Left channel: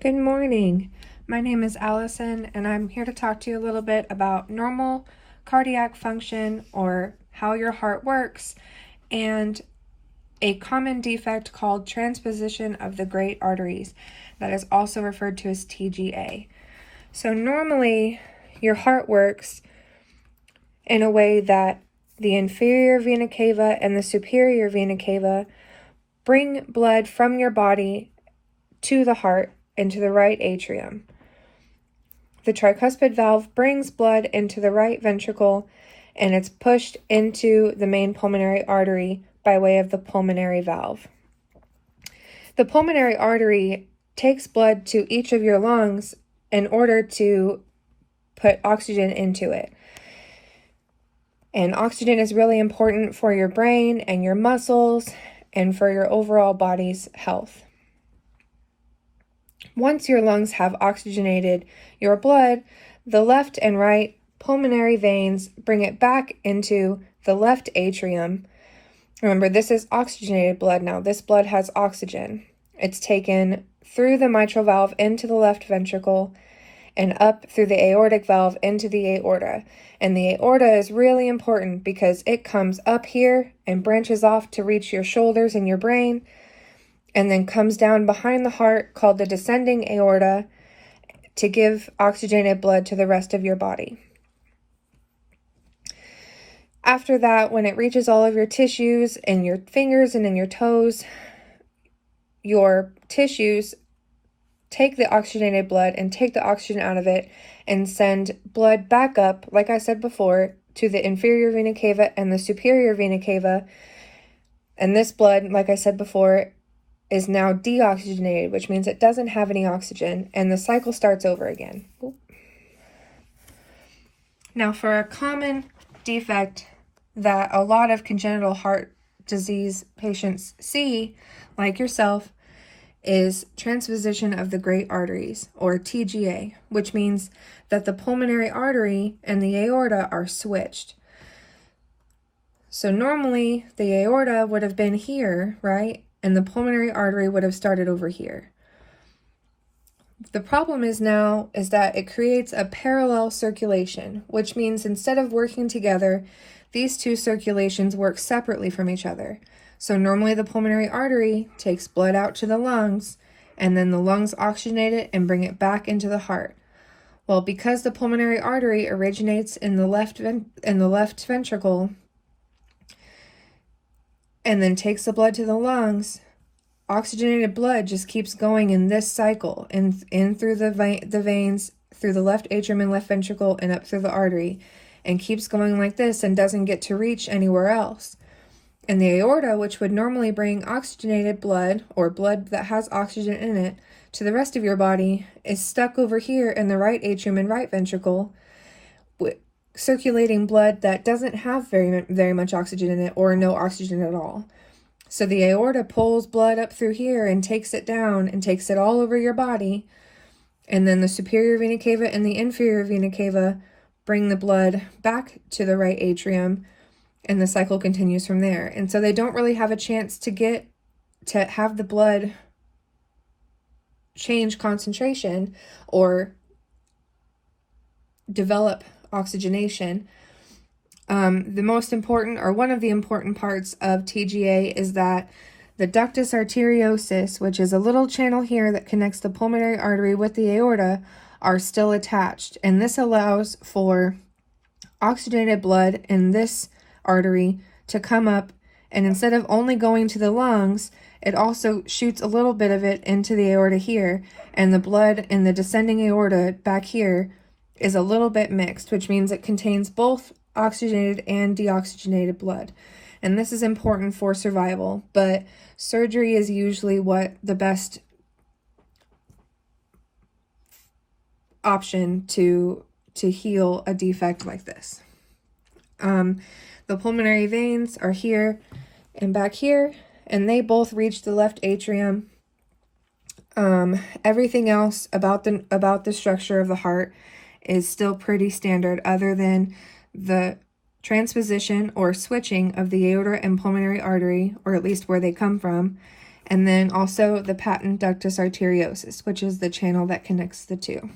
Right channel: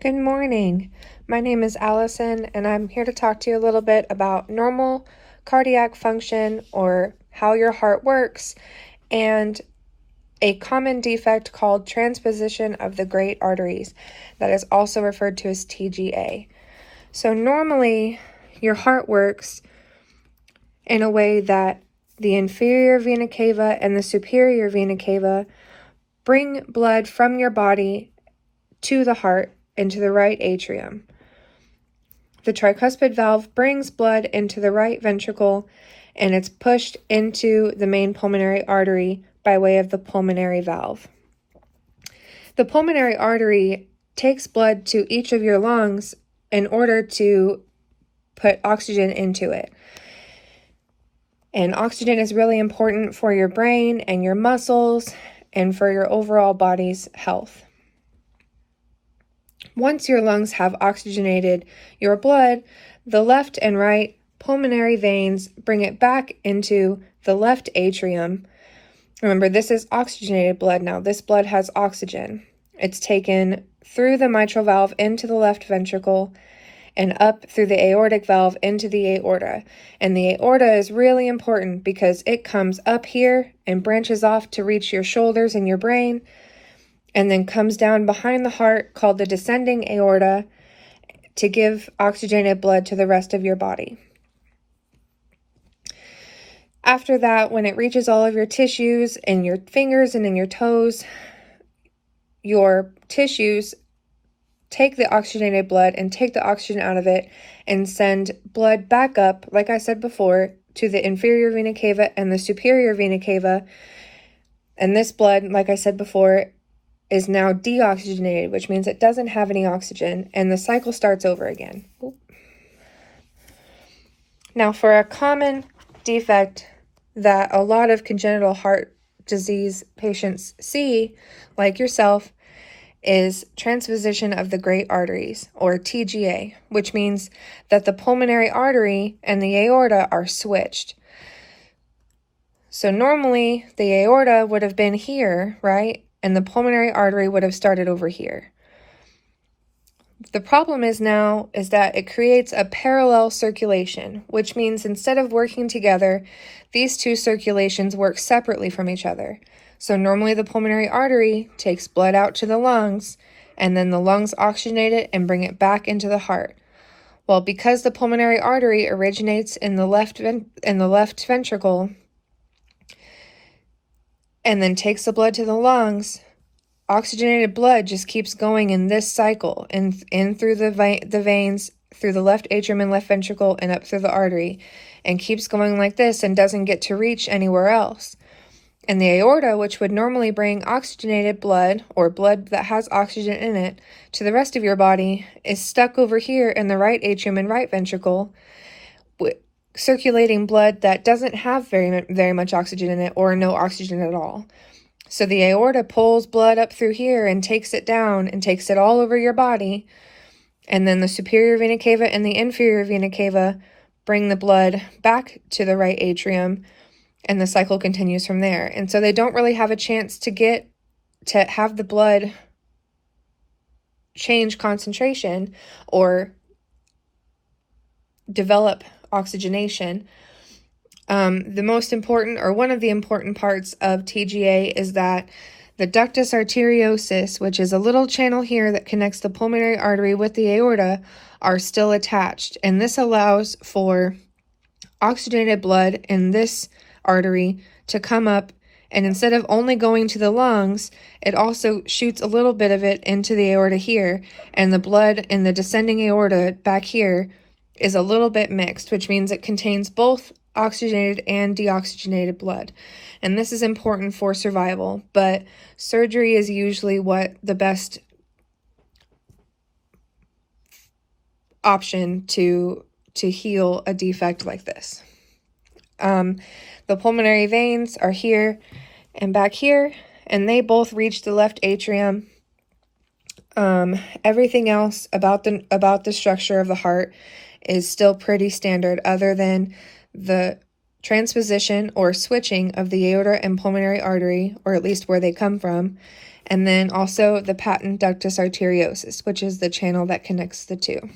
Good morning. My name is Allison, and I'm here to talk to you a little bit about normal cardiac function, or how your heart works, and a common defect called transposition of the great arteries, that is also referred to as TGA. So normally, your heart works in a way that the inferior vena cava and the superior vena cava bring blood from your body to the heart into the right atrium. The tricuspid valve brings blood into the right ventricle, and it's pushed into the main pulmonary artery by way of the pulmonary valve. The pulmonary artery takes blood to each of your lungs in order to put oxygen into it. And oxygen is really important for your brain and your muscles and for your overall body's health. Once your lungs have oxygenated your blood, the left and right pulmonary veins bring it back into the left atrium. Remember, this is oxygenated blood now. This blood has oxygen. It's taken through the mitral valve into the left ventricle and up through the aortic valve into the aorta. And the aorta is really important because it comes up here and branches off to reach your shoulders and your brain, and then comes down behind the heart, called the descending aorta, to give oxygenated blood to the rest of your body. After that, when it reaches all of your tissues in your fingers and in your toes, your tissues take the oxygenated blood and take the oxygen out of it and send blood back up, like I said before, to the inferior vena cava and the superior vena cava. And this blood, like I said before, is now deoxygenated, which means it doesn't have any oxygen, and the cycle starts over again. Now, for a common defect that a lot of congenital heart disease patients see, like yourself, is transposition of the great arteries, or TGA, which means that the pulmonary artery and the aorta are switched. So normally the aorta would have been here, right? And the pulmonary artery would have started over here. The problem is that it creates a parallel circulation, which means instead of working together, these two circulations work separately from each other. So normally the pulmonary artery takes blood out to the lungs, and then the lungs oxygenate it and bring it back into the heart. Well, because the pulmonary artery originates in the left ventricle and then takes the blood to the lungs, oxygenated blood just keeps going in this cycle, in through the veins, through the left atrium and left ventricle, and up through the artery, and keeps going like this and doesn't get to reach anywhere else. And the aorta, which would normally bring oxygenated blood, or blood that has oxygen in it, to the rest of your body, is stuck over here in the right atrium and right ventricle, circulating blood that doesn't have very much oxygen in it, or no oxygen at all. So the aorta pulls blood up through here and takes it down and takes it all over your body. And then the superior vena cava and the inferior vena cava bring the blood back to the right atrium, and the cycle continues from there. And so they don't really have a chance to have the blood change concentration or develop oxygenation. The most important, or one of the important parts of TGA, is that the ductus arteriosus, which is a little channel here that connects the pulmonary artery with the aorta, are still attached. And this allows for oxygenated blood in this artery to come up, and instead of only going to the lungs, it also shoots a little bit of it into the aorta here, and the blood in the descending aorta back here is a little bit mixed, which means it contains both oxygenated and deoxygenated blood. And this is important for survival, but surgery is usually what the best option to heal a defect like this. The pulmonary veins are here and back here, and they both reach the left atrium. Everything else about the structure of the heart is still pretty standard, other than the transposition or switching of the aorta and pulmonary artery, or at least where they come from, and then also the patent ductus arteriosus, which is the channel that connects the two.